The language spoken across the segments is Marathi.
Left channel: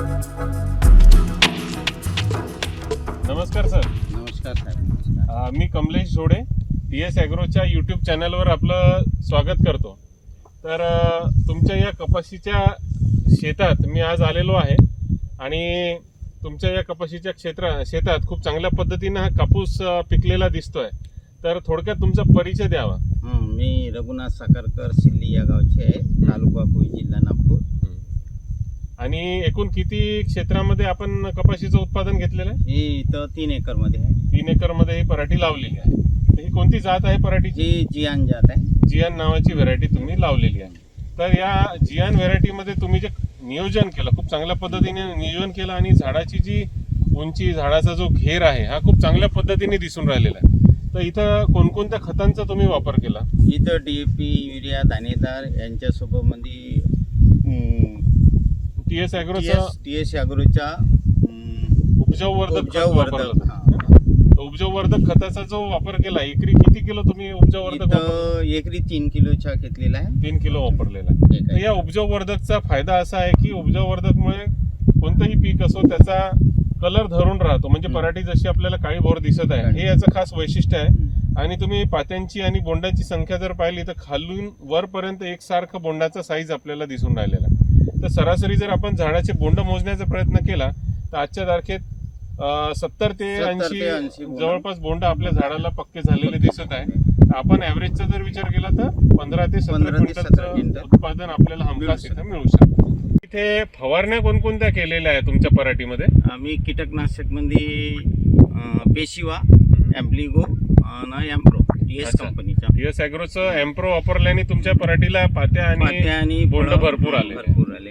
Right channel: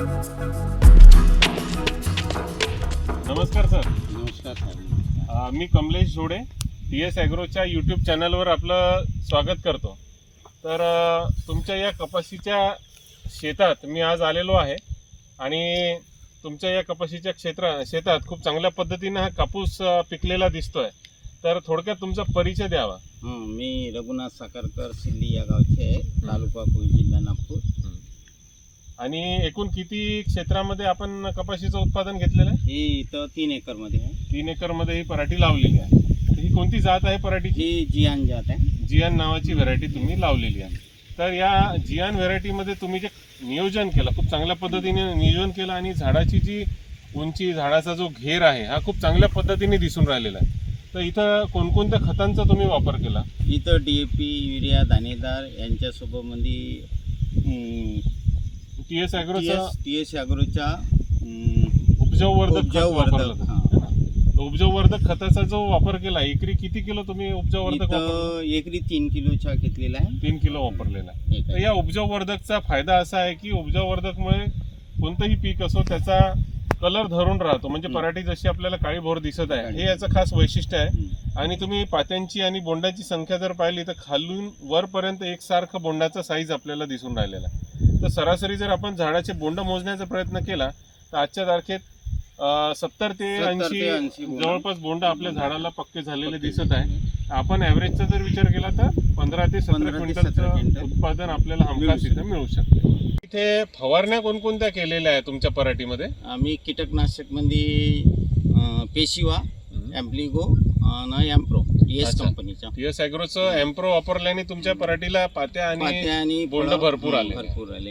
नमस्कार सर. नमस्कार साहेब. नमस्कार. मी कमलेश जोडे TS ॲग्रोच्या यूट्यूब चॅनलवर आपलं स्वागत करतो. तर तुमच्या या कपाशीच्या शेतात मी आज आलेलो आहे आणि तुमच्या या कपाशीच्या शेतात खूप चांगल्या पद्धतीने हा कापूस पिकलेला दिसतोय. तर थोडक्यात तुमचा परिचय द्यावा. मी रघुनाथ साखरकर सिल्ली या गावचे आहे, तालुका कोई, जिल्हा नागपूर. आणि एकूण किती क्षेत्रामध्ये आपण कपाशीचं उत्पादन घेतलेलं आहे? ही इथं 3 एकरमध्ये आहे. 3 एकरमध्ये ही पराठी लावलेली आहे. तर ही कोणती जात आहे पराठीची? ही जियान जात आहे. जियान नावाची व्हरायटी तुम्ही लावलेली आहे. तर या जियान व्हरायटीमध्ये तुम्ही जे नियोजन केलं, खूप चांगल्या पद्धतीने नियोजन केलं आणि झाडाची जी उंची, झाडाचा जो घेर आहे हा खूप चांगल्या पद्धतीने दिसून राहिलेला आहे. तर इथं कोणकोणत्या खतांचा तुम्ही वापर केला? इथं DAP, युरिया, दाणेदार यांच्यासोबत मध्ये TS ॲग्रोच्या उपजाऊवर्धक खताचा जो वापर केला, एकरी किती किलो तुम्ही उपजाऊवर्धक वापरलं? एकरी 3 किलोचा घेतलेला आहे. 3 किलो वापरलेला आहे. तर या उपजाऊवर्धकचा फायदा असा आहे की उपजाऊवर्धकमुळे कोणतंही पीक असो त्याचा कलर धरून राहतो. म्हणजे पराठी जशी आपल्याला काळी भोर दिसत आहे, हे याचं खास वैशिष्ट्य आहे. आणि तुम्ही पात्यांची आणि बोंडाची संख्या जर पाहिली तर खालून वरपर्यंत एकसारखं बोंडाचा साईज आपल्याला दिसून राहिलेला आहे. तर सरासरी जर आपण झाडाचे बोंड मोजण्याचा प्रयत्न केला तर आजच्या तारखेत 70 ते 80 जवळपास बोंड आपल्या झाडाला पक्के झालेले दिसत आहे. आपण ॲव्हरेजचा जर विचार केला तर 15 ते 17 क्विंटलचं उत्पादन आपल्याला हमखास इथं मिळू शकतं. इथे फवारण्या कोणकोणत्या केलेल्या आहेत तुमच्या पराठीमध्ये? आम्ही कीटकनाशकमध्ये पेशिवा, ॲम्प्लिगो आणि एम्प्रो TS कंपनीचा. TS ॲग्रोचं एम्प्रो वापरल्याने तुमच्या पराठीला पात्या आणि बोंड भरपूर आले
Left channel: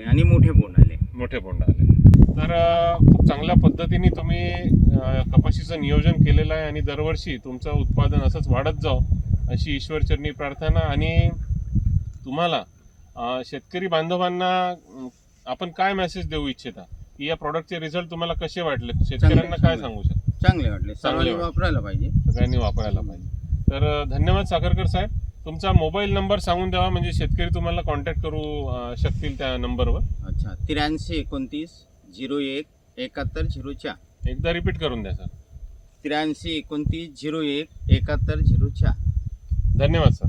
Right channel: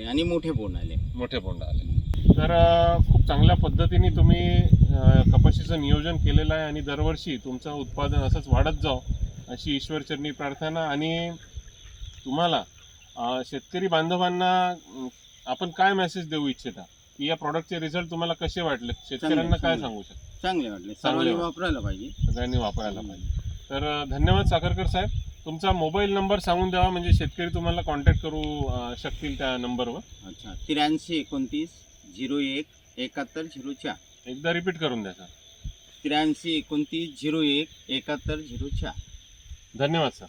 आणि मोठे बोंड आले. तर खूप चांगल्या पद्धतीने तुम्ही कपाशीचं नियोजन केलेलं आहे आणि दरवर्षी तुमचं उत्पादन असंच वाढत जावं अशी ईश्वरचरणी प्रार्थना. आणि तुम्हाला शेतकरी बांधवांना आपण काय मेसेज देऊ इच्छिता की या प्रॉडक्टचे रिझल्ट तुम्हाला कसे वाटले? शेतकऱ्यांना काय सांगू शकता? चांगले वाटले. सगळ्यांनी वापरायला पाहिजे. तर धन्यवाद साखरकर साहेब. तुमचा मोबाईल नंबर सांगून द्यावा म्हणजे शेतकरी तुम्हाला कॉन्टॅक्ट करू शकतील त्या नंबरवर. अच्छा, 83 29 01 71 04. एकदा रिपीट करून द्या सर. 83 29 01 71 04. धन्यवाद सर.